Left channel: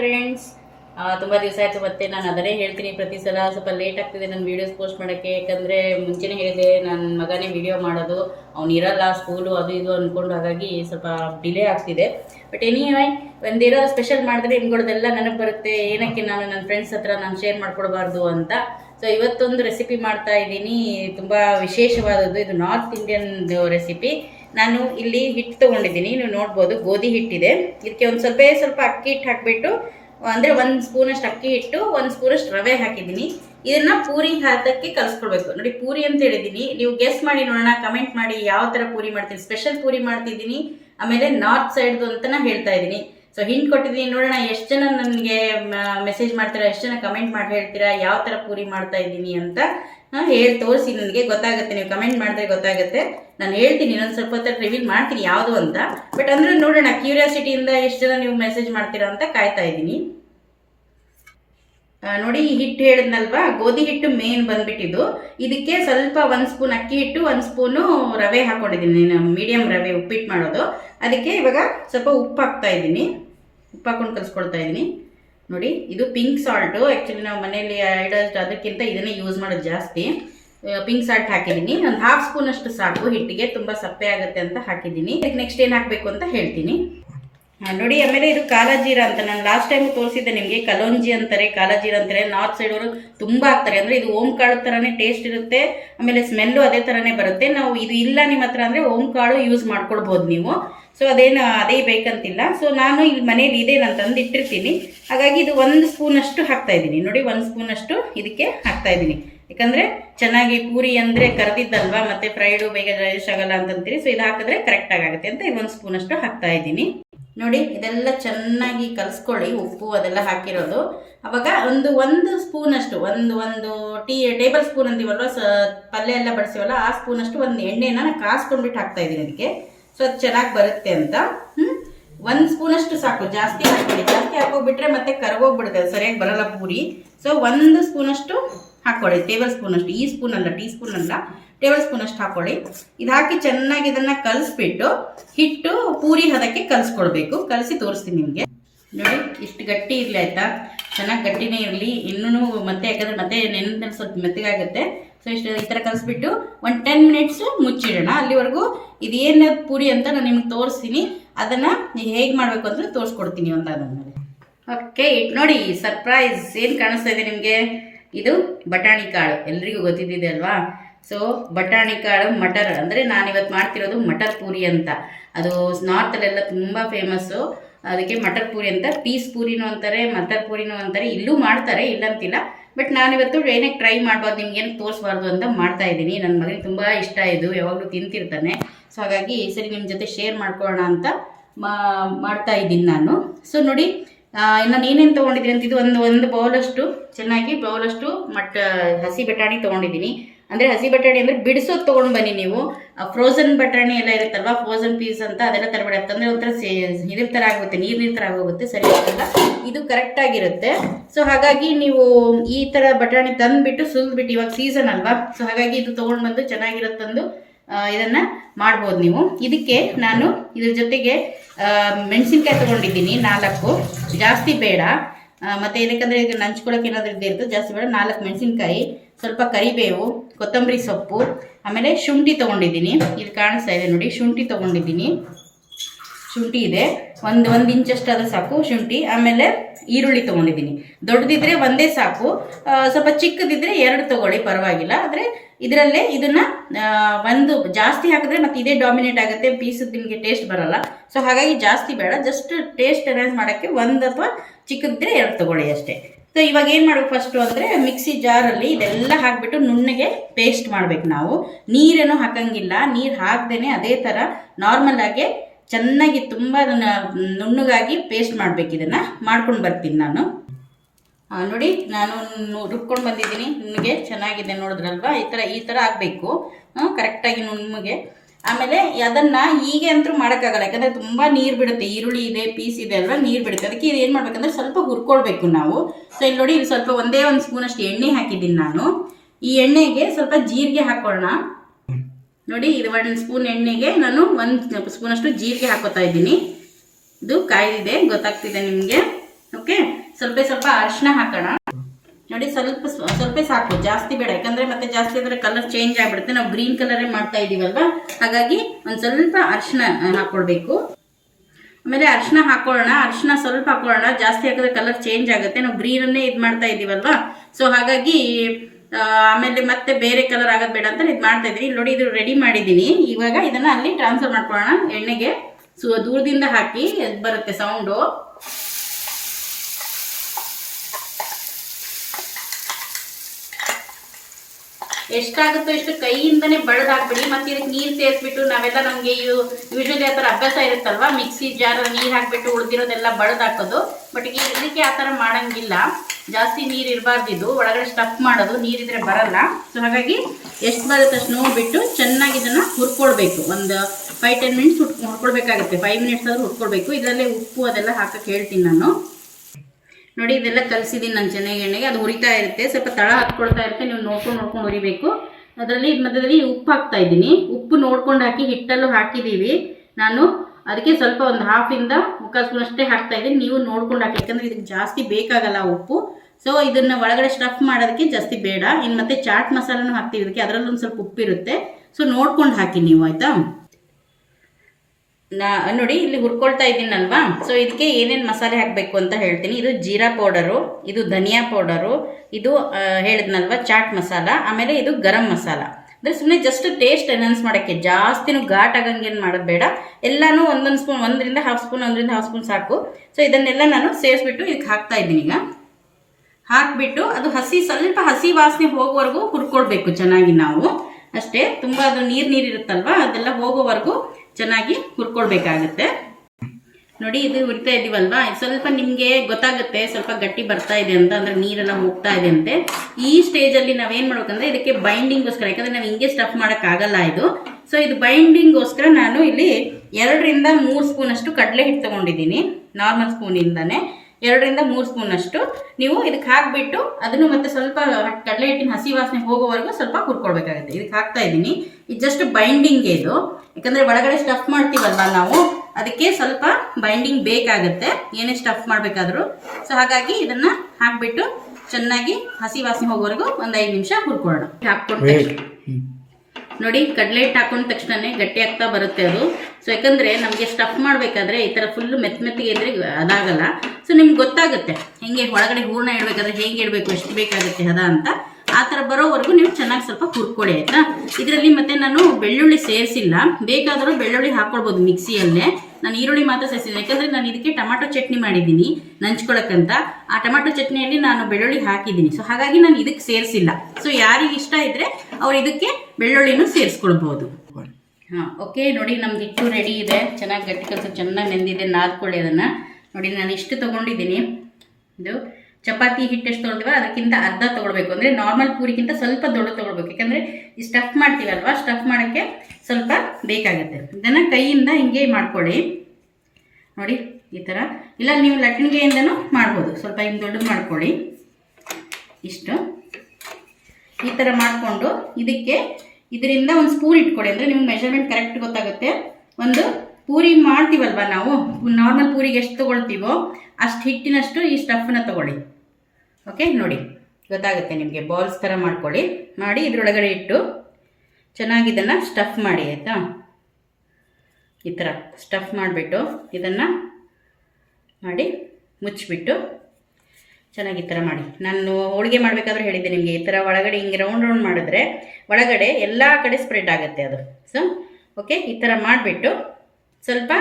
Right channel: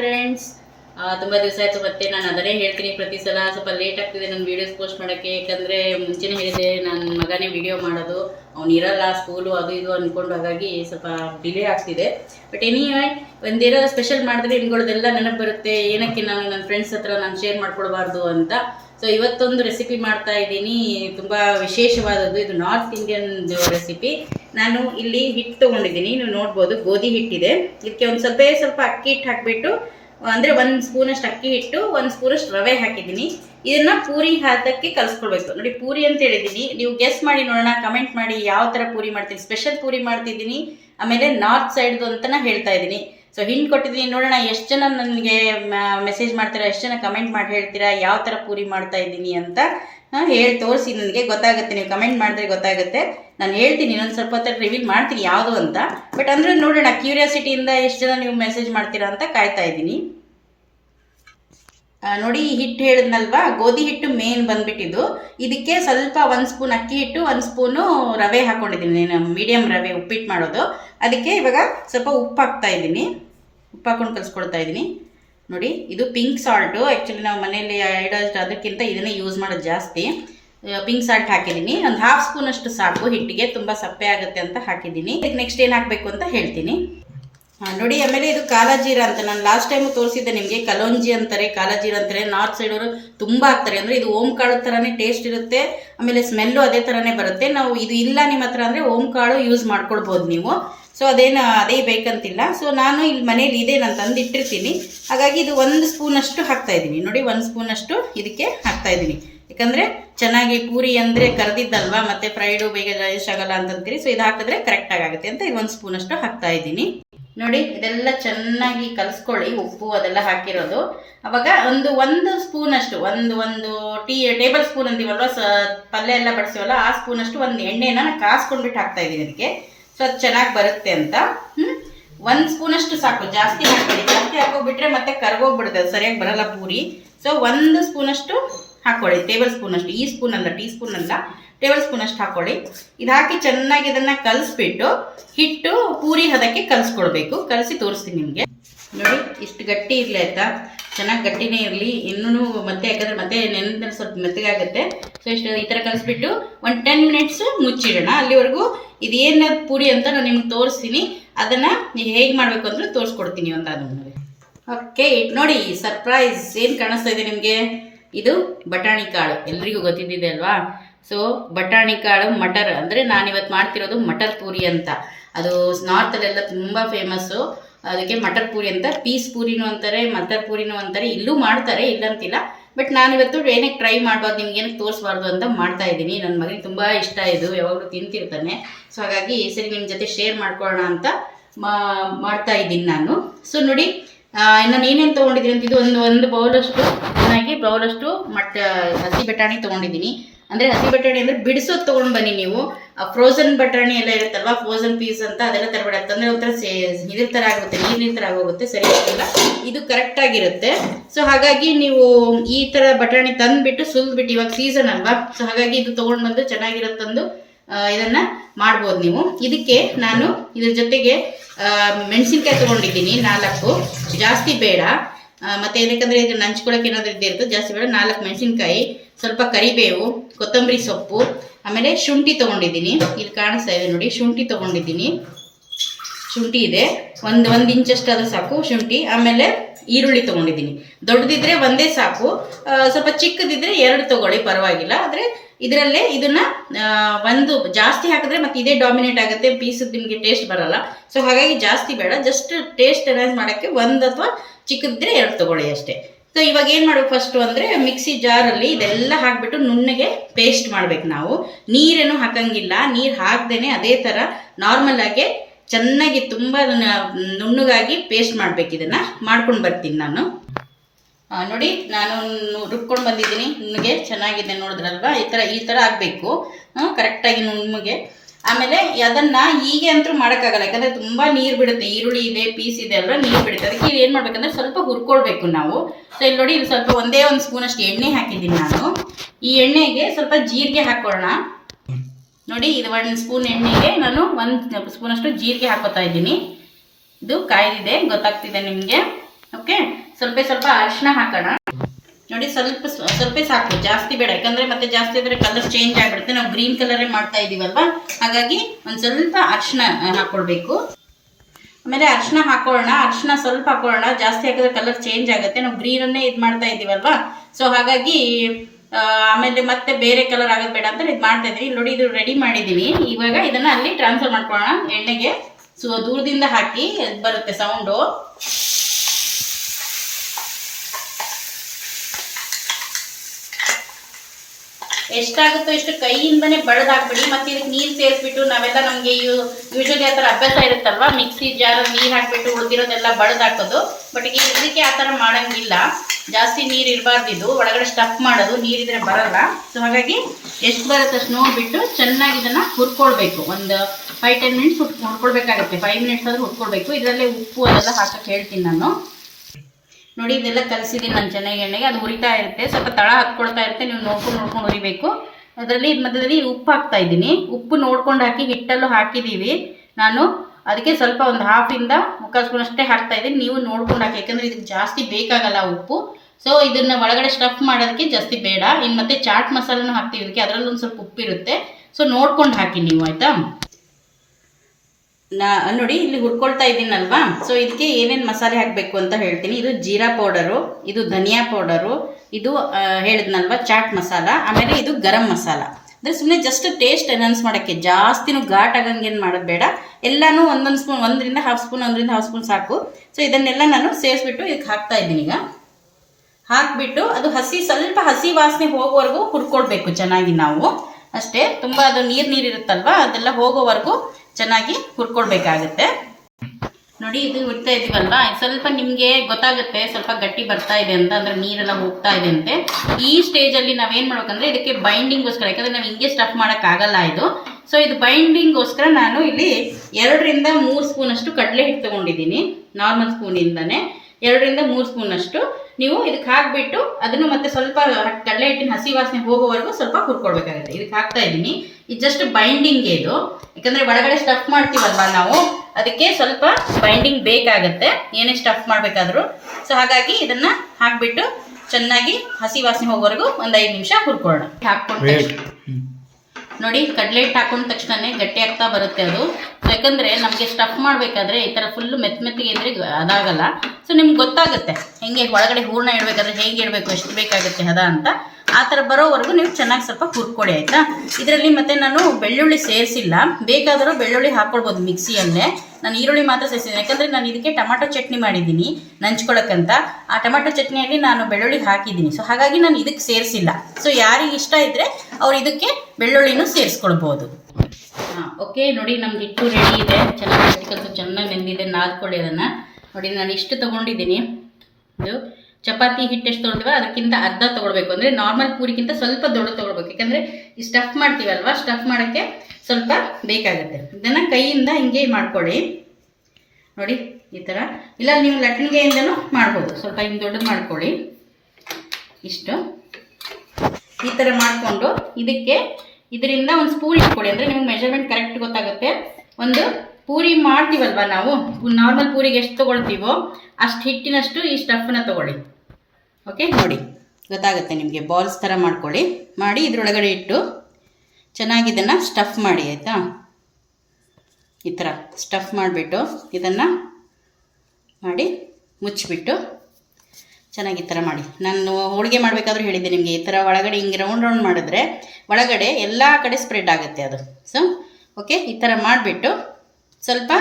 Friends, ತುಂಬ ದಿವಸ ಆಯಿತು. ಮತ್ತೆ ನಾನು ಅದನ್ನೇ ಹೇಳ್ತೀನಿ ಪ್ರತಿ ಸಲ. ಸ್ವಲ್ಪ ಲೇಟ್ ಆಗ್ತಿದೆ ನನ್ನ ವೀಡಿಯೋಸ್ ಪೋಸ್ಟ್ ಮಾಡೋಕ್ಕೆ. ಯಾಕಂದರೆ ಮುಂಚೆನೇ ಹೇಳಿದೆ, ನನ್ನ ಮಗನೇ ವೀಡಿಯೋ ಮಾಡೋದು, ಅವ್ನು ಇರಲ್ಲ, ಸ್ಕೂಲು ಅದು ಇದು ಅಂದ್ಕೊಂಡು, ಹಾಗಾಗಿ ಸ್ವಲ್ಪ ಡಿಲೇ ಆಗ್ತಿದೆ. ಬಟ್ ಎನಿವೇ, ಒಂದಿರೋ ಸ್ಪೆಷಲ್ ಮಾಡಿದ್ರೆ ನಿಮ್ಗಳದೆಲ್ಲ ನೆನಪು ಬರುತ್ತೆ. ಏನಕ್ಕೆ ನಾನು ನನ್ನ ಫ್ರೆಂಡ್ಸ್ ಹತ್ರ ನಾನು ಶೇರ್ ಮಾಡ್ಕೊಡ್ಬಾರ್ದು ಅಂತ. ಸೊ ಇವತ್ತೊಂದು ರೆಸಿಪಿ ಮಾಡ್ತಾ ಇದ್ದೀನಿ, ತುಂಬ ವಿಶೇಷವಾದದ್ದು. ಇದು ನಾರ್ತ್ ಇಂಡಿಯನ್ ರೆಸಿಪಿ. ನಾನು ಇಲ್ಲಿ ಹಿಟ್ಟು ತೊಗೊಂಡಿದ್ದೀನಿ, ನೀವು ನೋಡ್ಬೋದು ಗೋಧಿ ಹಿಟ್ಟಿದೆ. ಇದಕ್ಕೆ ಒಂದು ಸ್ವಲ್ಪ ಅಕ್ಕಿ ಹಿಟ್ಟು ಹಾಕಿಬಿಟ್ಟು, ಅಂದರೆ 1 ಸ್ಪೂನಷ್ಟು ಅಕ್ಕಿ ಹಿಟ್ಟು, 1 ಸ್ಪೂನಷ್ಟು ರವೆ ಹಾಕಿದ್ದೀನಿ. ಇದನ್ನು ಪೂರಿ ಹದಕ್ಕೆ ಕಲಿಸ್ಕೊಳ್ಬೇಕು. ನೋಡಿ, ಪೂರಿ ಅಂತ ಹೇಳಿದ್ದೀನಿ, ನೀವು ಗೆಸ್ ಮಾಡಿ ನೋಡೋಣ, ಕಮೆಂಟ್ ಮಾಡಿ ಯಾವ ಥರ ಪೂರಿ ಮಾಡ್ತೀನಿ. ಸ್ಪೆಷಲ್ ಪೂರಿ ಮಾಡ್ತಿದ್ದೀನಿ, ಆಮೇಲೆ ನಾರ್ತ್ ಸೈಡ್ದು ಅಂತ ಹೇಳ್ತಾ ಇದ್ದೀನಿ. ಸೊ ಹಿಂಟ್ ಕೊಟ್ಟಿದ್ದೀನಿ, ನೋಡೋಣ ಎಷ್ಟು ಜನ ನನಗೆ ಮೆಸೇಜ್ ಮಾಡ್ತೀರಾ, ಎಷ್ಟು ಜನ ಕಮೆಂಟ್ ಮಾಡಿ ಹೇಳ್ತೀರಾ ಯಾವ ಥರ ಪೂರಿ ಮಾಡ್ತಾ ಇದ್ದೀನಿ ಅಂತ ಹೇಳಿ ತೋರಿಸಿ. ನನಗೆ ಗೊತ್ತಾಗುತ್ತೆ, ನೀವು ಕಮೆಂಟ್ ಮಾಡಿದ್ರೆ ಗೊತ್ತಾಗುತ್ತೆ. ನಾನು ಹೇಳ್ತೀನಿ, ಇನ್ನೊಂದು ಸ್ವಲ್ಪ ಹೊತ್ತು ರಿವೀಲ್ ಮಾಡ್ತೀನಿ ಯಾವುದು ಅಂತ. ಬಟ್ ಅಂದರೆ ನೋಡೋಣ, ಕ್ಯೂರಿಯಾಸಿಟಿಯಿಂದ ಎಷ್ಟು ಜನ ನೀವು ಮೆಸೇಜ್ ಮಾಡ್ತೀರಾ ಅಂತ ಕಾಯ್ತಾ ಇದ್ದೀನಿ. ನೋಡಿ, ಈ ಹಿಟ್ಟು ಹೇಳಿದ್ನಲ್ವಾ, ಗೋಧಿ ಹಿಟ್ಟು ಮೇನ್ ಬಂದ್ಬಿಟ್ಟಿದ್ದು. ಇದಕ್ಕೆ ಸ್ವಲ್ಪ 1 ಸ್ಪೂನ್ ಅಕ್ಕಿ ಹಿಟ್ಟು, 1 ಸ್ಪೂನು ರವೆ ಹಾಕ್ಕೊಂಡಿದ್ದೀನಿ, ಮೀಡಿಯಮ್ ರವೆ ಉಪ್ಪಿಟ್ಟು ಮಾಡೋದು. ಅದಕ್ಕೆ ಇವಾಗ ಸ್ವಲ್ಪ ಉಪ್ಪು ಹಾಕ್ತಾ ಇದ್ದೀನಿ, ಉಪ್ಪು ಹಾಕೊಂಡು ಕಲಿಸ್ಕೊಳ್ತಾ ಇದ್ದೀನಿ. ನೋಡಿ, ಇದು ಪಿಂಕ್ ಸಾಲ್ಟು. ಆ್ಯಕ್ಚುಲಿ ನಾವು ಮನೆಯಲ್ಲಿ ಇಡೋಷ್ಟು ಅದಕ್ಕಿಂತ ಇದನ್ನೇ ಯೂಸ್ ಮಾಡೋದು ಜಾಸ್ತಿ. ಪಿಂಕ್ ಸಾಲ್ಟ್ ಹಾಕಿದ್ದೀನಿ, ಒಂದು 1/2 ಸ್ಪೂನಷ್ಟು ಸಾಕು ಹಿಟ್ಟಿಗೆ, ತುಂಬ ಸಪ್ಪೆ ಆಗುತ್ತೆ ಅಂತ ಹಾಕಿದ್ದೀನಿ. ಇದಕ್ಕೆ ನೆಕ್ಸ್ಟ್ ಏನು ಹಾಕಬೇಕು ಅಂತ ಹೇಳ್ತೀನಿ. ನೋಡಿ, ಆಮೇಲೆ ಇದು ಕಾಲಾಜೀರ ಅಂತ ನಾನು ಲಾಸ್ಟ್ ಟೈಮು ತೋರಿಸಿದ್ದೆ ನಿಮಗೆ. ಕಲೋಂಜಿ ಅಂತಾರೆ, ಕಾಲಾಜೀರ ಅಂತಾರೆ. ನಾರ್ತ್ ಸೈಡ್ ಅವರು ತುಂಬ ಹಾಕ್ತಾರೆ. ಅಂದರೆ ಇದು ಓಂ ಕಾಳು ಥರನೇ ಟೇಸ್ಟ್ ಇರುತ್ತೆ, ಆಮೇಲೆ ಸ್ಮೆಲ್ಲು ಅದೇ ಥರನೇ ಬರುತ್ತೆ. ನಾವು ಇದು ಇಲ್ಲ ನಿಮ್ಮ ಹತ್ರ ಅಂದರೆ ಓಂ ಕಾಳು ಯೂಸ್ ಮಾಡ್ಕೊಳ್ಬೋದು ನೀವು. ಸೊ ಅದೇ ಬೇಕಂತಿಲ್ಲ. ಸೊ ನಾನು ಇಲ್ಲಿ ಮನೇಲಿ ಇದೆ, ನಾನು ತಂದು ಇಟ್ಟಿರ್ತೀನಿ. ಹಾಗಾಗಿ ಇದು 1 ಸ್ಪೂನಷ್ಟು ಹಾಕ್ತಾ ಇದ್ದೀನಿ. ನೋಡಿ, 1 ಸ್ಪೂನಷ್ಟು ಇದಕ್ಕೆ ಹಾಕ್ತಾ ಇದ್ದೀನಿ. ಯಾಕಂದರೆ ಚೆನ್ನಾಗಿ ಪೂರಿ ಅಂದರೆ ಕರೆದಿದ್ದಲ್ವಾ, ಮತ್ತು ಫ್ರೈಡು ಬೇಗ ಡೈಜೆಸ್ಟ್ ಆಗಲ್ಲ ಅಂತಂತೀರಿ. ಸೊ ಇದು ಹಾಕಿದ್ರೆ ಕರೆಕ್ಟಾಗಿ ಆಗುತ್ತೆ ಅಂತ 1 ಸ್ಪೂನಷ್ಟು ಹಾಕ್ತಾ ಇದ್ದೀನಿ. ನೋಡಿ, ಇದೆಲ್ಲ ಚೆನ್ನಾಗಿ ಕಲಿಸ್ಕೊಳ್ಳಿ, ಉಪ್ಪು ಅದೆಲ್ಲ ಹಾಕಿರೋದು. ಅವಾಗ ಒಂದು ಸ್ಪೂನಷ್ಟು, ಒಂದು ಟೇಬಲ್ ಸ್ಪೂನ್ ಅಂತೀವಲ್ವ, ಪಲ್ಯ ಎಲ್ಲ ಬಡಿಸಿವಲ್ಲ, ಆ ಸ್ಪೂನಷ್ಟು ಒಂದು ಎಣ್ಣೆನ ಕಾಸ್ಕೊಂಡ್ಬಿಟ್ಟು ಹಾಕ್ತಾ ಇದ್ದೀನಿ ಅದಕ್ಕೆ. ಸೊ ಅದು ಚೆನ್ನಾಗಿ ಬರುತ್ತೆ ಅಂತ. 1 ಸ್ಪೂನಷ್ಟು ಸಾಕು, ಜಾಸ್ತಿ ಹಾಕ್ಕೊಳ್ಳಿ. ಜಾಸ್ತಿ ಹಾಕೋಗ್ಬಿಟ್ರೆ ಮತ್ತೆ ಕರ್ಗೋಗ್ಬಿಡುತ್ತೆ, ಅದು ಸರಿಯಾಗಿ ಬರಲ್ಲ ಪೂರಿ. ಸೊ 1 ಸ್ಪೂನಷ್ಟು ಹಾಕ್ಕೊಳ್ಳಿ, ಟೇಬಲ್ ಸ್ಪೂನಷ್ಟು. ಈ ಸ್ಪೂನ್ ಅಲ್ಲ, ಟೀ ಸ್ಪೂನ್ ಅಲ್ಲ, ಟೇಬಲ್ ಸ್ಪೂನಷ್ಟು ಹಾಕ್ಕೊಳ್ಳಿ. ಇದು ಹಾಕಿ ಚೆನ್ನಾಗಿ ಇದನ್ನು ಕಲಿಸ್ಬಿಟ್ಟು ಹಿಟ್ಟು ಪೂರಿ ಹದಕ್ಕೆ ಕಲಿಸ್ಕೊಳ್ಬೇಕು. ಕಲಸಿ ತೋರಿಸ್ತೀನಿ ನಿಮಗೆ. ನೋಡಿ, ಇಷ್ಟು ಗಟ್ಟಿ ಇರಲಿ, ಆಯಿತಾ? ಚೆನ್ನಾಗಿ ಗಟ್ಟಿನೇ ಇರಲಿ. ಇನ್ನೂ ಮತ್ತೆ ಯಾಕಂದರೆ ಮತ್ತೆ ನೆನೆದ್ಮೇಲೆ ಸ್ವಲ್ಪ ಮೆತ್ತಗಾಗುತ್ತೆ. ಸೊ ಇಷ್ಟು ಈ ಥರ ಕಲಿಸ್ಬಿಟ್ಟು ಒಂದು 10 ಮಿನಿಟ್ಸು ಮುಚ್ಚಿಡೋಣ. ಅಲ್ಲಿವರೆಗೂ ಇದೇನು ಪೂರಿ ಅಂತ ನಾನು ನಿಮ್ಗೆ ತೋರಿಸ್ತೀನಿ. ಅದನ್ನು ಹೇಗೆ ಮಾಡಬೇಕು ಅಂದರೆ ತೋರಿಸ್ಕೊಡ್ತೀನಿ ಒಂದಾದ್ಮೇಲೆ. ಓಕೆ, ನೋಡಿ, ಸರ್ಪ್ರೈಸ್ ಏನು ಕಾಣಿಸ್ತಾ ಇದೆ ನಿಮಗೆ? ಇದು ಬಟಾಣಿ ಕಾಳು, ಎಲ್ರಿಗೂ ಗೊತ್ತಿದ್ದಿದೆ ಅಲ್ವಾ? ಸೊ ಬಟಾಣಿ ಕಾಳು ಮಟರ್, ಅಂದರೆ ನಾನಿವತ್ತು ಮಾಡ್ತಿರೋದು ಮಟರ್ ಪೂರಿ ಅಂತ. ಅದು ನಾರ್ತಲ್ಲೆಲ್ಲ ತುಂಬ ಫೇಮಸ್ಸು, ಅದಕ್ಕೆ ಮಟರ್ ಪೂರಿ ಅಂತ. ಪೀಸ್ ಪೂರಿನೂ ಅಂತಾರೆ, ಮಟರ್ ಪೂರಿನೂ ಅಂತಾರೆ. ಇಲ್ಲೂ ಮಾಡ್ತಾರೆ, ಇಲ್ಲಂತಿಲ್ಲ. ಬಟ್ ನಾನಿವತ್ತು ಏನಕ್ಕೆ ಟ್ರೈ ಮಾಡ್ಬಾರ್ದು, ನಿಮ್ಗೆ ಏನಕ್ಕೆ ತೋರಿಸ್ಬಾರ್ದು ಅಂತ ಮಾಡ್ತಾ ಇದ್ದೀನಿ. ನನ್ನ ಮಗನಿಗೆ ತುಂಬ ಇಷ್ಟ ಇದು, ಯಾವಾಗಲೂ ತಿಂತಿರ್ತಾನೆ. ಸೊ ಹಾಗಾಗಿ ಈ ಸರಿ ನಿಮ್ಮ ಜೊತೆ ಶೇರ್ ಮಾಡ್ಕೊಳ್ಳೋಣ ಅಂತ ಮಾಡ್ತಾ ಇದ್ದೀನಿ ನಾನು. ಸೊ ನೋಡಿ, ನಾನು ಏನೇನು ತೊಗೊಂಡಿದ್ದೀನಿ ಅಂತ, ಇದು ಒಂದು ಬೌಲಷ್ಟು ಹಸಿ ಬಟಾಣಿ ತೊಗೊಂಡಿದ್ದೀನಿ. ಅಂದರೆ ಹಸಿ ಬಟಾಣಿ ಅಂದರೆ ಬಿಡಿಸೋದು ತೊಗೊಂಡು ಬನ್ನಿ ನೀವು. ಫ್ರೋಝನ್ ಬಟಾಣಿ ಎಲ್ಲ ಇರುತ್ತಲ್ವ, ಫ್ರೋಝನ್ ಪೀಸ್ ಅಂತ, ಅದೆಲ್ಲ ತರಬೇಡ. ಅಂತಂದರೆ ಒಂಥರ ಇದ್ರ ಥರ ಆಗುತ್ತೆ, ನೀರಿನ ಥರ ಆಗೋಗುತ್ತೆ, ಸರಿ ಇರೋಲ್ಲ. ಇದು ಕರೆಕ್ಟಾಗಿರುತ್ತೆ. ಸೊ ಹಾಗಾಗಿ ನೀವು ಈ ಥರ ಬಟಾಣಿ ತಂದುಬಿಟ್ಟು ಸುಲಿದ್ಬಿಟ್ಟು, ಇವಾಗ ಸೀಸನ್ ಅಲ್ವಾ, ಸೊ ಹಾಗಾಗಿ ಇದು ತೊಗೊಂಡು ಬಂದು ಚೆನ್ನಾಗಿರುತ್ತಂದು ಇದನ್ನು ಮಾಡ್ಬೋದು ನೀವು. ಇದಕ್ಕೆ ನಾನು ಇದ್ರ ಜೊತೆಗೆ ಮೆಣಸಿನ್ಕಾಯಿ ತೊಗೊಂಡಿದ್ದೀನಿ 4, ಜಾಸ್ತಿ ಬೇಡ. ಮತ್ತು ಏನಕ್ಕಂದರೆ ಇದು ನಂಚ್ಕೊಳಕ್ಕೆ ಏನಾದರೂ ಇದ್ದೇ ಇರುತ್ತೆ, ಜಾಸ್ತಿ ಬೇಡ. 4 ಮೆಣಸಿನ್ಕಾಯಿ, ಸ್ವಲ್ಪ ಕರಿಬೇವು, ಕೊತ್ತಂಬರಿ ಸೊಪ್ಪು, ಆಮೇಲೆ ಶುಂಠಿ ತೊಗೊಂಡಿದ್ದೀನಿ. ಇಲ್ಲಿ ಕಾಣಿಸ್ತಾ ಇದೆ ನೋಡಿ, ಶುಂಠಿ ತೊಗೊಂಡಿದ್ದೀನಿ. ಶುಂಠಿ ಇದೆ, ಒಂದು ಇಂಚಷ್ಟಾದರೂ ಸಾಕು ಶುಂಠಿ. ಆಮೇಲೆ ಈರುಳ್ಳಿ ತೊಗೊಂಡಿದ್ದೀನಿ. ದೊಡ್ಡದಿದ್ದರೆ ಒಂದೇ ಸಾಕು, ಸ್ವಲ್ಪ ಚಿಕ್ಕದಿದ್ದರೆ 2 ತೊಗೊಳ್ಳಿ, ಪರವಾಗಿಲ್ಲ. ಆದರೆ ಇದರಲ್ಲೇ ಇದನ್ನು ಒಂದು ಜಾಸ್ತಿ ಹಾಕಿದ್ರೆ ಮತ್ತು ಇದೇ ಡಾಮಿನೇಟ್ ಆಗುತ್ತೆ, ಪೀಸದ್ದು ನಿಮಗೆ ಟೇಸ್ಟ್ ಬರೋಲ್ಲ. ಸೊ ಹಾಗಾಗಿ ಜಾಸ್ತಿ ಬೇಡ, ಜಸ್ಟ್ ಟೇಸ್ಟ್ ಎನ್ಹಾನ್ಸ್ ಮಾಡೋಕ್ಕೆ 1 ಅಥವಾ ಚಿಕ್ಕದಿದ್ದರೆ 2 ತೊಗೊಳ್ಳಿ ಅಷ್ಟೇ. ಸೊ ಇವಾಗ ಏನು ಮಾಡಬೇಕು ಫಸ್ಟು ಅಂದರೆ, ಮಿಕ್ಸಿ ಜಾರಲ್ಲಿ ಇದೆಲ್ಲ ಹಾಕಿಬಿಟ್ಟು ನುಣ್ಣಗೆ ಪೇಸ್ಟ್ ಮಾಡಬೇಕು ನಾವು. ನೀರೇನು ಹಾಕಂಗಿಲ್ಲ, ನೀರು ಹಾಕ್ದೇ ಅದೇ ಥರ ನಾರ್ಮಲಾಗೆ ಚೆನ್ನಾಗಿ ತುಂಬ ನುಣ್ಣಗಾಗಿ ಪೇಸ್ಟ್ ಮಾಡಬೇಕು. ಇದನ್ನು ಮಾಡ್ಕೊಂಡು ಬರ್ತೀನಿ ನಾನು. ನೋಡಿ, ನಾನು ರುಬ್ಕೊಂಡು ಬಂದಿದ್ದೀನಿ. ನುಣ್ಣಗೆ ಚೆನ್ನಾಗಿದೆ, ನೋಡಿದ್ರಲ್ವ? ಈ ಥರ ಆಗಬೇಕು, ಕರೆಕ್ಟಾಗಿ ನುಣ್ಣಗೆ. ಆಮೇಲೆ ಅದನ್ನು ಹೀಗೆ ಅಂತೂ ಮಾಡೋಕ್ಕಾಗಲ್ಲ, ಯಾಕಂದರೆ ತುಂಬ ನೀರು ಬಿಡುತ್ತೆ. ಈರುಳ್ಳಿ ಇದೆ, ಪೀಸ್ ಇದೆ ಅಲ್ವಾ, ನೀರು ಬಿಡುತ್ತೆ. ಅದಕ್ಕೆ ಇದು ಏನು ಮಾಡಬೇಕಂದ್ರೆ ಸ್ವಲ್ಪ ಹುರ್ಕೊಳ್ಬೇಕು ನಾವು. ಸೊ ಇಲ್ಲಿ ನೋಡಿ, ಇಲ್ಲಿ ಸ್ವಲ್ಪ ಒಂದೇ 1 ಸ್ಪೂನಷ್ಟು ಎಣ್ಣೆ ಹಾಕಿದ್ದೀನಿ ನಾನು. ಈ ಎಣ್ಣೆಗೆ ಸ್ವಲ್ಪ ಜೀರಿಗೆ ಹಾಕೋಣ. ನೋಡಿ, ಇದು 1 ಸ್ಪೂನ್ ಎಣ್ಣೆಗೆ ನಾನು 1 ಸ್ಪೂನಷ್ಟು ಜೀರಿಗೆ ಹಾಕೋತಾ ಇದ್ದೀನಿ. ಇದು ಕಾಯ್ದಿದೆ, ಗೊತ್ತಾಗ್ತಿದೆ ನಿಮಗೆ. ಓಕೆ, ಸ್ವಲ್ಪ ಸ್ವಲ್ಪ ಅರಿಶಿನ ಹಾಕೋಣ. ನೋಡಿ, ಸ್ವಲ್ಪ ಸ್ವಲ್ಪ ಸಾಕು, ಜಾಸ್ತಿ ಬೇಡ, ಯಾಕಂದರೆ ಮತ್ತೆ ಜಾಸ್ತಿ ಆದರೆ ಕಲರ್ ಚೇಂಜ್ ಆಗಿಬಿಡುತ್ತೆ. ನಾವು ಗ್ರೀನ್ ಕಲರೇ ಮಾಡ್ತಾ ಇದ್ದೀವಲ್ವ, ಹಾಗಾಗಿ ಒಂದು ಸ್ವಲ್ಪ ಅರಿಶಿನ ಹಾಕ್ಕೊಳ್ಬೇಕು. ಆಮೇಲೆ ಅರಿಶಿನ ಹಾಕೊಳ್ಳೋಣ, ಅರಿಶಿನ ಸ್ವಲ್ಪ ಹಾಕೊಳ್ಳೋಣ, ಜಾಸ್ತಿ ಹಾಕಿದ್ರೆ ಕಲರ್ ಚೇಂಜ್ ಆಗುತ್ತೆ. ನಾವು ಗ್ರೀನನ್ನೇ ಇದು ಮಾಡ್ತಾ ಇದ್ದೀವಲ್ವ, ಸೊ ಹಾಗಾಗಿ ಆಮೇಲೆ ಮತ್ತೆ ಬೇರೆ ಕಲರ್ ಆಗೋದು ಬೇಡ ಅಂತ ಇದು ಮಾಡ್ತಾ ಇದ್ದೀನಿ. ನೋಡಿ, ಇದು ರೆಡಿ ಮಾಡಿದ್ದೀನಿ. ಇವಾಗ ಇದನ್ನು ಅಲ್ಲಿ ಟ್ರಾನ್ಸ್ಫರ್ ಮಾಡ್ಕೊಳ್ಳೋಣ ಎಣ್ಣೆಗೆ. ಸೊ ದೂರದಿಂದ ಹಾಕಿ ಬರುತ್ತೆ ಸೌಂಡು. ಎಷ್ಟಾಗುತ್ತೋ ಎಷ್ಟು ಕೈಯಿಂದನೇ ಬಳ್ದು ಹಾಕ್ಬಿಡಿ. ಮತ್ತೆ ಇದಕ್ಕೆ ನೀರು ಸೇರಿಸ್ಬಿಟ್ಟು ನಾವೆಲ್ಲ ನಮಗೆ ಯೂಶಲಿ ಆ ಥರ ಅಭ್ಯಾಸ ಇರುತ್ತಲ್ವ, ಮಿಕ್ಸಿ ಜಾರಲ್ಲಿ ನೀರು ಹಾಕಿಬಿಟ್ಟು ಉಳಿದಿರೋದೆಲ್ಲ ಬಳ್ದು ಹಾಕೋದು. ಬಟ್ ಇದಕ್ಕೆ ಆ ಥರ ಮಾಡೋಂಗಿಲ್ಲ, ಜಾಸ್ತಿ ನೀರು ಇರಬಾರ್ದಿದ್ದು, ಒಳಗಡೆ ಸ್ಟಫ್ ಮಾಡೋದು, ನೀರಿದ್ರೆ ಬರಲ್ಲ. ಸೊ ಹಾಗಾಗಿ ಎಷ್ಟು ಬರುತ್ತೆ ಅಷ್ಟು ನೋಡಿಬಿಟ್ಟು ಚೆನ್ನಾಗಿ ಇದನ್ನು ಹುರ್ಕೊಳ್ಬೇಕು. ಒಂದು 5-10 ಮಿನಿಟ್ಸ್ ಹುರ್ಕೊಳ್ಬೇಕಾಗುತ್ತೆ. 5 ಮಿನಿಟ್ಸ್ ಆದರೂ ಹುರ್ಕೊಳ್ಬೇಕು. ಇದರಲ್ಲೇ ಉಪ್ಪು ಅದೆಲ್ಲ ಹಾಕಕ್ಕೆ ಹೇಳ್ತೀನಿ ನಾನು. ನೋಡಿ, ಇದೆಲ್ಲ ಕಲಿಸಿದ್ದೀನಿ ನಾನು ಚೆನ್ನಾಗಿ ಎಣ್ಣೆಗೆ. ಅದು ಉರಿತಾ ಇರುತ್ತೆ, ಸ್ವಲ್ಪ ತಳ ಹತ್ಕೊಳ್ತಾ ಇರುತ್ತೆ, ನೀವು ನೋಡ್ಕೊಂಡು ಉರಿಬೇಕು. ಅದರಲ್ಲಿ ಮಧ್ಯದಲ್ಲಿ ಉಪ್ಪು ಹಾಕ್ತಾ ಇದ್ದೀನಿ. ಉಪ್ಪು ನೋಡ್ಕೊಂಡು ಹಾಕಿ, ಹಿಟ್ಟಲ್ಲೂ ಹಾಕಿದ್ದೀವಿ ನಾನು. ಅದಕ್ಕೆ ಸ್ವಲ್ಪ ಒಂದು 1/2 ಸ್ಪೂನ್ ಅಷ್ಟೇ ಹಾಕ್ತಾ ಇದ್ದೀನಿ. ನೀವು ನೋಡ್ಕೊಂಡು ಹಾಕಿ, ಯಾಕಂದರೆ ಇದಕ್ಕೆ ಜಾಸ್ತಿ ಬೇಕಾಗಲ್ಲ ಉಪ್ಪು. ಸೊ ಇದನ್ನು ಒಳಗಡೆ ಸ್ಟಫ್ ಮಾಡೋದಕ್ಕೆ ಜಾಸ್ತಿ ಬೇಡ. ಇನ್ನು ಮತ್ತೆ ಚಾಟ್ ಮಸಾಲನೂ ಹಾಕ್ತೀವಿ ಇದಕ್ಕೆ, ಅದರಲ್ಲೂ ಒಂದು ಸ್ವಲ್ಪ ಉಪ್ಪಿರುತ್ತೆ. ಸೊ ನೋಡ್ಕೊಂಡು ಹಾಕಿ ನೀವು, ಆಯಿತಾ. ನೋಡಿ, ಇಲ್ಲಿ ಹುರ್ಕೊಳ್ತಾ ಇದ್ದೀನಲ್ವಾ. ಸೊ ಇದಕ್ಕೆ ಏನೇನು ಮಸಾಲೆ ಹಾಕಬೇಕು ಅಂತ ಹೇಳ್ತೀನಿ. ಇದು ಜೀರಾ ಪೌಡರು, ಇದು ಧನಿಯಾ ಪೌಡರು, ಇದು ಹೇಳಿದ್ನಲ್ವ ಚಾಟ್ ಮಸಾಲ, ಆಮೇಲೆ ಇದು ಗರಂ ಮಸಾಲ. ಅಂದರೆ ಸುಮ್ಮನೆ ಜಸ್ಟ್ ಟೇಸ್ಟ್ ಎನ್ಹಾನ್ಸ್ ಮಾಡೋಕ್ಕೆ, ಜಾಸ್ತಿನೂ ಘಾಟ್ ಆಗಂಗೇನು ಮಾಡೋದು ಬೇಡ. ಎಲ್ಲನೂ ಒಂದೊಂದು ಸ್ಪೂನ್, 1.5 ಸ್ಪೂನ್ ಸಾಕು. ಸೊ ಇದನ್ನೆಲ್ಲ ನಾನು ಸೇರಿಸ್ಬಿಟ್ಟು ಇದಕ್ಕೆ ಹಾಕ್ತಾ ಇದ್ದೀನಿ. ಈಗ ಹಾಕಿಬಿಟ್ಟು ಅದು ಸ್ವಲ್ಪ ಹಸಿ ವಾಸನೆ ಹೋಗೋವರೆಗೂ ಹುರ್ಕೊಳ್ಬೇಕು ಚೆನ್ನಾಗಿ ನಾವು. ಅಷ್ಟೇ, ತುಂಬ ಅದು ನೀರು ಇರುತ್ತಲ್ವ, ಅದೆಲ್ಲ ಹೋಗೋವರೆಗೂ ಚೆನ್ನಾಗಿ ಹುರ್ಕೊಳ್ಬೇಕಾಗತ್ತೆ. ನೋಡಿ, ಇದು ಹುರ್ತಾ ಇದ್ದೀವಲ್ವ, ಸ್ವಲ್ಪ ನಿಮಗೆ ಗೊತ್ತಾಗುತ್ತೆ ಸ್ವಲ್ಪ ಗಟ್ಟಿ ಬರ್ತಾ ಇದೆ ಅಂತ, ಅಂದರೆ ನೀರೆಲ್ಲ ಹೋಗ್ತಾ ಇದೆ ಅಂತೆ. ಈ ಸ್ಟೇಜಲ್ಲಿ ನಾವೇನು ಮಾಡ್ಬೇಕಂದ್ರೆ ಇದಕ್ಕೆ ಬೈಂಡಿಂಗೋಸ್ಕರ, ಯಾಕಂದರೆ ನಾವು ಹಿಂಗೆ ಸ್ಟಫ್ ಮಾಡೋಕ್ಕಾಗಲ್ಲ ಇದು. ಸೊ ಇದು ಬೈಂಡಿಂಗೋಸ್ಕರ ನಾನು ಇಲ್ಲಿ 2-3 ಸ್ಪೂನಷ್ಟು ಕಡಲೆ ಹಿಟ್ಟು ತೊಗೊಂಡಿದ್ದೀನಿ. ನಾರ್ಮಲ್ ಸ್ಪೂನಿಂದನೇ 2-3 ಸ್ಪೂನಷ್ಟು ನೀವು ಇದಕ್ಕೆ ಹಾಕಿಬಿಟ್ಟು ಅದನ್ನು ಮತ್ತೆ ಸ್ವಲ್ಪ ಕಡಲೆ ಹಿಟ್ಟಿನ ಹಸಿ ವಾಸನೆ ಹೋಗೋವರೆಗೂ ಸ್ವಲ್ಪ ಹುರ್ಕೊಳ್ಬೇಕಾಗುತ್ತೆ. ಇದಕ್ಕೆ ಹಾಕ್ತಾ ಇದ್ದೀನಿ. ಇದು ಜಸ್ಟ್ ಬೈಂಡಿಂಗ್ಗೆ ಇದು, ಯಾಕಂದರೆ ಒಳಗಡೆ ಸ್ಟಫ್ ಮಾಡ್ತೀವಲ್ವ ನಾವು, ಅದಕ್ಕೆ ಸ್ವಲ್ಪ ಬೈಂಡಿಂಗ್ ಬೇಕಾಗುತ್ತೆ ಏನೇ ಸ್ಟಫ್ ಮಾಡಬೇಕಾದ್ರೂ. ಸೊ ಹಾಗಾಗಿ ಇದನ್ನು ಹಾಕಿಬಿಟ್ಟು ಚೆನ್ನಾಗಿ ಹಸಿ ವಾಸನೆ ಹೋಗೋವರೆಗೂ ಒಂದು 5 ನಿಮಿಷ ಹುರ್ಕೊಳ್ಳೋಣ. ಹಾಕ್ಕೊಂಡು ನೋಡಿ, ಕಡಲೆ ಹಿಟ್ಟು ಹಾಕೊಂಡ ತಕ್ಷಣವೇ ಗಟ್ಟಿ ಆಗ್ತಾ ಬರುತ್ತೆ ಅದು. ಸೊ ಯಾಕಂದರೆ ನಮಗೆ ಸ್ಟಫ್ ಮಾಡಬೇಕಾದ್ರೆ ಈ ಥರ ಫುಲ್ಲು ಮೆತ್ತಗೆ ಇದ್ದರೆ ಅದಾಗಲ್ಲ. ಸೊ ನಿಮ್ಗೆ ಗೊತ್ತಾಗುತ್ತೆ ಹೆಂಗೆ ಒಳಗಡೆ ಹೂರ್ಣ ಇಡಬೇಕಾದ್ರೆ ಹೇಗೆ ಇಡಬೇಕು, ಎಷ್ಟು ಬೇಕಾಗುತ್ತೆ ಹದ ಅಂತ. ಆ ಥರ ಬರೋವರೆಗೂ ನೀವು ಚೆನ್ನಾಗಿ ಸ್ವಲ್ಪ ಹುರ್ಕೊಳ್ಳಿ, ಆಯಿತಾ. ಇದರಲ್ಲಿ ಮತ್ತೆ ನಾನು ಬೆಳ್ಳುಳ್ಳಿ ಸೇರಿಸಿಲ್ಲ, ಬೇಕಾದರೂ ಬೆಳ್ಳುಳ್ಳಿ ಹಾಕ್ಕೊಳ್ಬೋದು ಮಿಕ್ಸಿಯಲ್ಲೇ. ನಾನು ಈರುಳ್ಳಿ ಮಾತ್ರ ಸೇರಿಸಿದ್ದೀನಿ, ಯಾಕಂದರೆ ನಾನು ಇದಕ್ಕೆ ಟೊಮಾಟೊ ಚಟ್ನಿ ಮಾಡಿದ್ದೀನಿ ನಂಚ್ಕೊಳ್ಳೋಕ್ಕಂತ. ಆ ಟೊಮಾಟೊ ಚಟ್ನಿಯಲ್ಲಿ ನಾನು ಬೆಳ್ಳುಳ್ಳಿ ಹಾಕಿದ್ದೀನಿ. ಸೊ ಹಾಗಾಗಿ ನಾನು ಇದಕ್ಕೆ ಸೇರಿಸಿಲ್ಲ. ಸೊ ಯಾರಿಗೆ ಇಷ್ಟ ಇದ್ದರೆ ಅವ್ರು ಇದಕ್ಕೆ ಬೆಳ್ಳುಳ್ಳಿನೂ ಸೇರಿಸ್ಕೊಳ್ಬೋದು. ಓಕೆ, ನೋಡಿ, ನಮ್ದು ಹಿಟ್ಟು ರೆಡಿ ಇದೆ. ಚೆನ್ನಾಗಿ ಚೆನ್ನಾಗಿ ನೆಂದಿದೆ. ನಾದ್ಕೊಳ್ಳಿ ಅದನ್ನು. ನೋಡಿ, ನಾನು ಇಷ್ಟು ತೊಗೊಂಡಿದ್ದೀನಿ. ಇದು ಚಪಾತಿ ಹಿಟ್ಟು ಎಷ್ಟು ತೊಗೊಂಡಿವ ಅದಕ್ಕಿಂತ ಅರ್ಧ ತೊಗೊಳ್ಬೇಕು. ಅಂದರೆ ನಾರ್ಮಲ್ ಪೂರಿಗಿಂತ ಸ್ವಲ್ಪ ದೊಡ್ಡ ತೊಗೊಳ್ಬೇಕು, ಯಾಕಂದರೆ ಈ ಸ್ಟಫ್ ಮಾಡ್ತೀವಲ್ವ, ಸ್ಟಫ್ ಮಾಡೋಕ್ಕೆ ಸ್ವಲ್ಪ ಬೇಕಾಗುತ್ತೆ. ಇದನ್ನು ಕೈಯಿಂದ ಹಿಂಗೆ ಮಾಡ್ಕೊಳ್ಳಿ. ನೋಡಿ, ಈ ಥರ. ಇಲ್ಲ ನೀವು ಲಟ್ಣಿಗೆಯಿಂದನೂ ಮಾಡ್ಬೋದು. ಸ್ವಲ್ಪ ಹಿಂಗೆ ದೊಡ್ಡದು ಮಾಡ್ಕೊಳ್ಳಿ. ಇಷ್ಟು ಈ ಥರ ಮಾಡಿಕೊಂಡು ಇದರಿಂದ ಒಂದು ಸ್ಪೂನ್ ಇಟ್ಕೊಳ್ಳಿ. ಅಂದರೆ ನಿಮ್ಗೆ ಮೆಜರ್ಮೆಂಟ್ ಕರೆಕ್ಟ್ ಗೊತ್ತಾಗುತ್ತೆ. ಒಂದು ಪೂರಿ ಮಾಡ್ತೀವಲ್ವ ನಾವು, ನಾರ್ಮಲ್ ಪೂರಿಗೆ ಎಷ್ಟು ತೊಗೊಳ್ತೀವೋ ಅಷ್ಟು ಹಿಟ್ಟಿನಷ್ಟು ಈ ಸ್ಟಫನ್ನ ತೊಗೊಳ್ಳಿ. ಓಕೆ, ನೋಡಿ ಗೊತ್ತಾಗುತ್ತೆ ನಿಮಗೆ. ಬಾಲ್ಸ್ ಥರ ಮಾಡ್ಕೊಳ್ಳಿ. ಮಾಡಿ ಇದ್ರೊಳಗಡೆ ಇಟ್ಟು ಚೆನ್ನಾಗಿ ಇದನ್ನು ಸ್ಟಫ್ ಮಾಡಿ, ಆಯಿತಾ. ಈ ಥರ ಸ್ಟಫ್ ಮಾಡಿಬಿಟ್ಟು ಇದನ್ನು ಮಾಡಿ ಮುಚ್ಚಿಬಿಟ್ಟು ಚೆನ್ನಾಗಿ ಈ ಥರ ಮಾಡಿ. ನಾನು ಹೋಳಿಗೆ ಮಾಡಬೇಕಾದ್ರೂ ಹೇಳಿದ್ದೆ ನಿಮಗೆ, ಈ ಥರ ಒಳಗಡೆ ಹಿಂಗೆ ರೌಂಡ್ ಮಾಡಿದ್ರೆ ಒಳಗಡೆ ಎಲ್ಲ ಕಡೆ ಸ್ಪ್ರೆಡ್ ಆಗುತ್ತೆ ಅದು. ಸೊ ಓಕೆ, ಈ ಥರ ಮಾಡಿಬಿಟ್ಟು ಸ್ವಲ್ಪ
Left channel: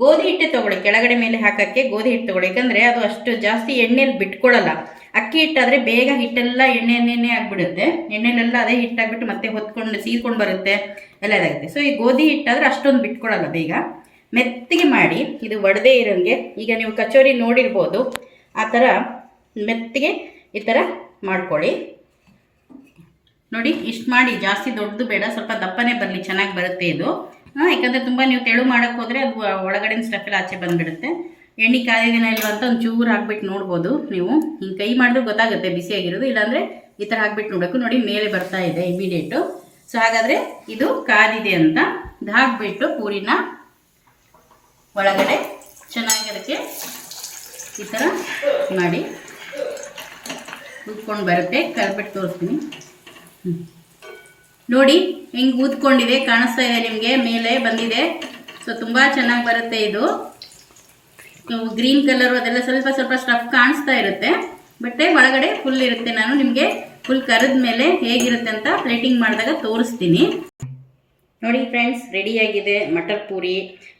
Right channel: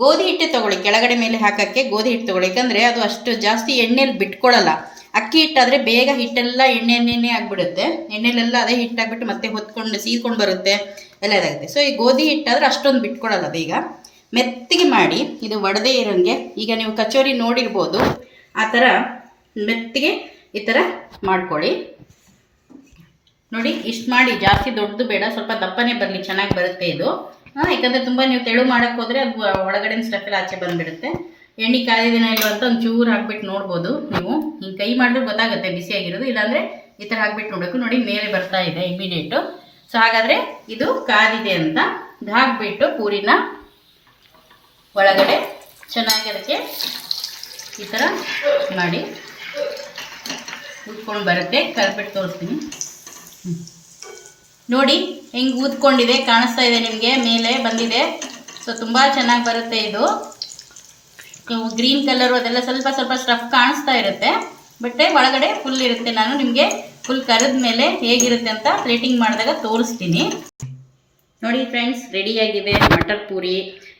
ಗೋಧಿ ಹಿಟ್ಟೆ ತೊಗೊಳ್ಳಿ. ಕೆಳಗಡೆ ಮೇಲೆ ಹಾಕೋಕ್ಕೆ ಗೋಧಿ ಹಿಟ್ಟು ತೊಗೊಳ್ಳಿ, ಯಾಕಂದರೆ ಅದು ಅಷ್ಟು ಜಾಸ್ತಿ ಎಣ್ಣೆಯಲ್ಲಿ ಬಿಟ್ಕೊಳ್ಳಲ್ಲ. ಅಕ್ಕಿ ಹಿಟ್ಟಾದರೆ ಬೇಗ ಹಿಟ್ಟೆಲ್ಲ ಎಣ್ಣೆನೇ ಆಗಿಬಿಡುತ್ತೆ. ಎಣ್ಣೆಲೆಲ್ಲ ಅದೇ ಹಿಟ್ಟಾಗ್ಬಿಟ್ಟು ಮತ್ತೆ ಹೊತ್ಕೊಂಡು ಸೀದ್ಕೊಂಡು ಬರುತ್ತೆ, ಎಲ್ಲ ಇದಾಗುತ್ತೆ. ಸೊ ಈ ಗೋಧಿ ಹಿಟ್ಟಾದರೆ ಅಷ್ಟೊಂದು ಬಿಟ್ಕೊಳ್ಳಲ್ಲ, ಬೇಗ ಮೆತ್ತಿಗೆ ಮಾಡಿ. ಇದು ಒಡೆದೇ ಇರೋಂಗೆ, ಈಗ ನೀವು ಕಚೋರಿ ನೋಡಿರ್ಬೋದು, ಆ ಥರ ಮೆತ್ತಿಗೆ ಈ ಥರ ಮಾಡ್ಕೊಳ್ಳಿ. ನೋಡಿ, ಇಷ್ಟು ಮಾಡಿ. ಜಾಸ್ತಿ ದೊಡ್ಡದು ಬೇಡ, ಸ್ವಲ್ಪ ದಪ್ಪನೇ ಬರಲಿ, ಚೆನ್ನಾಗಿ ಬರುತ್ತೆ ಇದು. ಯಾಕಂದರೆ ತುಂಬ ನೀವು ತೆಳು ಮಾಡೋಕ್ಕೆ ಹೋದರೆ ಅದು ಒಳಗಡೆ ಸ್ಟಫ್ ಎಲ್ಲ ಆಚೆ ಬಂದುಬಿಡುತ್ತೆ. ಎಣ್ಣೆ ಕಾದಿನ ಇಲ್ಲ ಅಂತ ಒಂದು ಚೂರು ಹಾಕ್ಬಿಟ್ಟು ನೋಡ್ಬೋದು ನೀವು. ಹಿಂಗೆ ಕೈ ಮಾಡಿದ್ರೆ ಗೊತ್ತಾಗುತ್ತೆ ಬಿಸಿಯಾಗಿರೋದು. ಇಲ್ಲಾಂದರೆ ಈ ಥರ ಹಾಕ್ಬಿಟ್ಟು ನೋಡಬೇಕು. ನೋಡಿ, ಮೇಲೆ ಬರ್ತಾ ಇದೆ ಇಮಿಡಿಯೇಟು. ಸೊ ಹಾಗಾದರೆ ಇದು ಕಾದಿದೆ ಅಂತ ಹಾಕ್ಬಿಟ್ಟು ಪೂರಿನ ಒಳಗಡೆ ಚೆನ್ನಾಗಿ ಅದಕ್ಕೆ ಈ ಥರ ಮಾಡಿ ಊದ್ಕೊಂಡು ಬರುತ್ತೆ. ಕಲ್ಬಿಟ್ಟು ತೋರಿಸ್ತೀನಿ. ನೋಡಿ ಹೆಂಗೆ ಊದ್ಕೊಂಡಿದೆ, ಕಾಣಿಸ್ತಾ ಇದೆ ನಿಮಗೆ, ಮೇಲೆ ಬಂದಿದೆ. ಸೊ ತುಂಬ ಚೆನ್ನಾಗಿ ಬರುತ್ತೆ ಇದು. ಗ್ರೀನ್ ಕಲರು ಅದೆಲ್ಲ ಸ್ವಲ್ಪ ಸ್ವಲ್ಪ ಸ್ಟಫ್ ಕಾಣಿಸ್ತಾ ಇರುತ್ತೆ, ಬಟ್ ಒಳಗಡೆ ಫುಲ್ ಇರುತ್ತೆ. ನಾನು ನಿಮಗೆ ಫುಲ್ ಕರೆದ ಮೇಲೆ ಹೇಗಿರುತ್ತೆ ಅಂತ ಪ್ಲೇಟಿಂಗ್ ಮಾಡಿದಾಗ ತೋರಿಸ್ತೀನಿ. ನೋಡಿ ಫ್ರೆಂಡ್ಸ್, ರೆಡಿಯಾಗಿದೆ ಮಟರ್ ಪೂರಿ.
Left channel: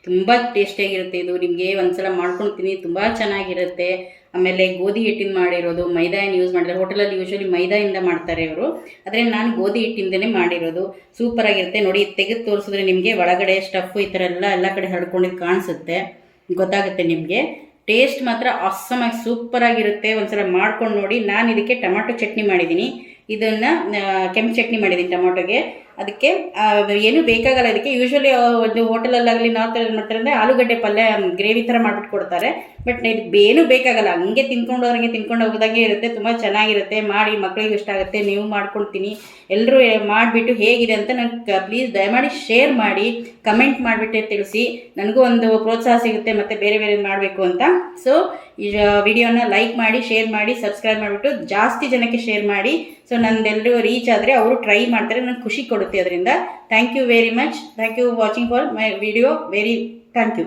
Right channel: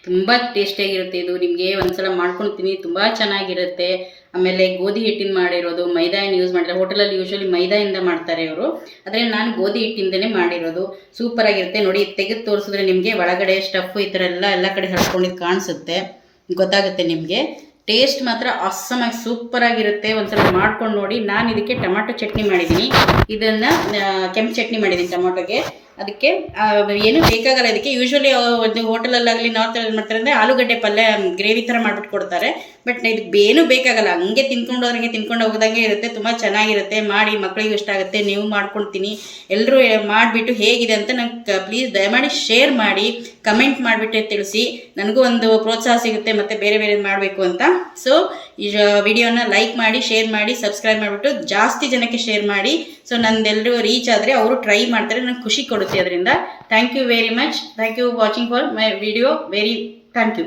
ತುಂಬ ಟೇಸ್ಟಿಯಾಗಿರುತ್ತೆ ಇದು. ನಿಮಗೆ ಒಂದ್ಸಲ ಮಾಡ್ಕೊಳ್ತೀನಿ, ತುಂಬ ಚೆನ್ನಾಗಿರುತ್ತೆ. ಆಮೇಲೆ ಗೋಧಿ ಹಿಟ್ಟಿನ ಮಾಡಿರೋದು, ಮೈದಾ ಏನು ಯೂಸ್ ಮಾಡಿದ್ರೆ, ಹೋಟೆಲಲ್ಲಿ ಯೂಶ್ವಲಿ ಮೈದಾಯಿಂದ ಮಾಡ್ತಾರೆ ಇವರು, ಆದರೆ ನಾನು ಗೋಧಿ ಹಿಟ್ಟಿಂದನೇ ಮಾಡಿರೋದು. ಸೂಪರಾಗಿರುತ್ತೆ. ನೋಡಿ ತೆಗೆದು ತೋರಿಸಿದ್ರೆ ನಿಮಗೆ ಒಳಗಡೆ ಸ್ಟಫ್ ಈ ಥರ ಎಲ್ಲ ಕಡೆ ಹರಡ್ಕೊಂಡಿದ್ದು ಕಾಣಿಸುತ್ತೆ, ಗೊತ್ತಾಗುತ್ತೆ ನಿಮಗೆ. ಟೇಸ್ಟ್ ಮಾತ್ರ ಆಸಮಾಗಿ ಸೂಪರಾಗಿರುತ್ತೆ. ಒಂದ್ಸಲ ಮಾಡ್ಕೊಂಡು ನೋಡಿ. ನಾನು ಇದಕ್ಕೆ ಟೊಮಾಟೊ ಚಟ್ನಿ ಮಾಡಿದ್ದೀನಿ, ಇದನ್ನು ಕೆಂಪು ಚಟ್ನಿ ಮಾಡಿದ್ದೀನಿ ಟೊಮಾಟೊಗೆ. ಅದಕ್ಕೆ ಏನು ಬೇಕಾಗಲ್ಲ ಇದಕ್ಕೆ. ಯೂಶ್ವಲಿ ಒಂದು ಹೋಟೆಲಲ್ಲಾಗಲಿ ನಾರ್ತ್ ಮಾಡ್ತಾರೆ ಅಂದರೆ ಆಲೂಗಡ್ಡೆ ಪಲ್ಯ ಗ್ರೇವಿ ಥರ ಮಾಡಿಬಿಟ್ಟು ಕೊಡ್ತಾರೆ, ಬಟ್ ಇದಕ್ಕೆ ಏನೂ ಬೇಕಾಗಲ್ಲ. ಹಂಗೆ ತಿನ್ಕೊಂಡು ಹೋಗೋದಂಗೆ ಇರುತ್ತೆ. ತುಂಬ ಚೆನ್ನಾಗಿರುತ್ತೆ. ಮಾಡಿ ಮಕ್ಕಳಿಗೂ ಇಷ್ಟ ಆಗುತ್ತೆ. ನೀವು ಮಾಡ್ಕೊಳ್ತೀನಿ, ಎಲ್ಲರೂ ಮಾಡಿಬಿಟ್ಟು ಹೇಗಿದೆ ಅಂತ ನಂಗೆ ಪ್ಲೀಸ್ ದಯಮಾಡಿ ಶೇರ್ ಮಾಡಿ, ಕಮೆಂಟ್ ಮಾಡಿಬಿಟ್ಟು ತಿಳಿಸಿ. ನನಗೂ ಒಂದು ಪ್ರೋತ್ಸಾಹ ಸಿಗುತ್ತೆ ಮತ್ತು ಬೇರೆ ಮಾಡಬೇಕು ಅಂತ. ಸೊ ಈ ವಿಡಿಯೋನ ಲೈಕ್ ಮಾಡಿ, ಶೇರ್ ಮಾಡಿ, ಸಬ್ಸ್ಕ್ರೈಬ್ ಮಾಡಿಬಿಟ್ಟು ಜಾಸ್ತಿ ಜನಕ್ಕೆ ಶೇರ್ ಮಾಡಿ. ಸೊ ನಂದೆಲ್ಲರೂ ರೀಚ್ ಆದರೆ ಅವರು ಟ್ರೈ ಮಾಡ್ತಾರೆ, ನಂಗೆ ಖುಷಿ ಕೊಡುತ್ತೆ ಅದರಿಂದ. Thank you very much. Thank you watching for my video. Thank you.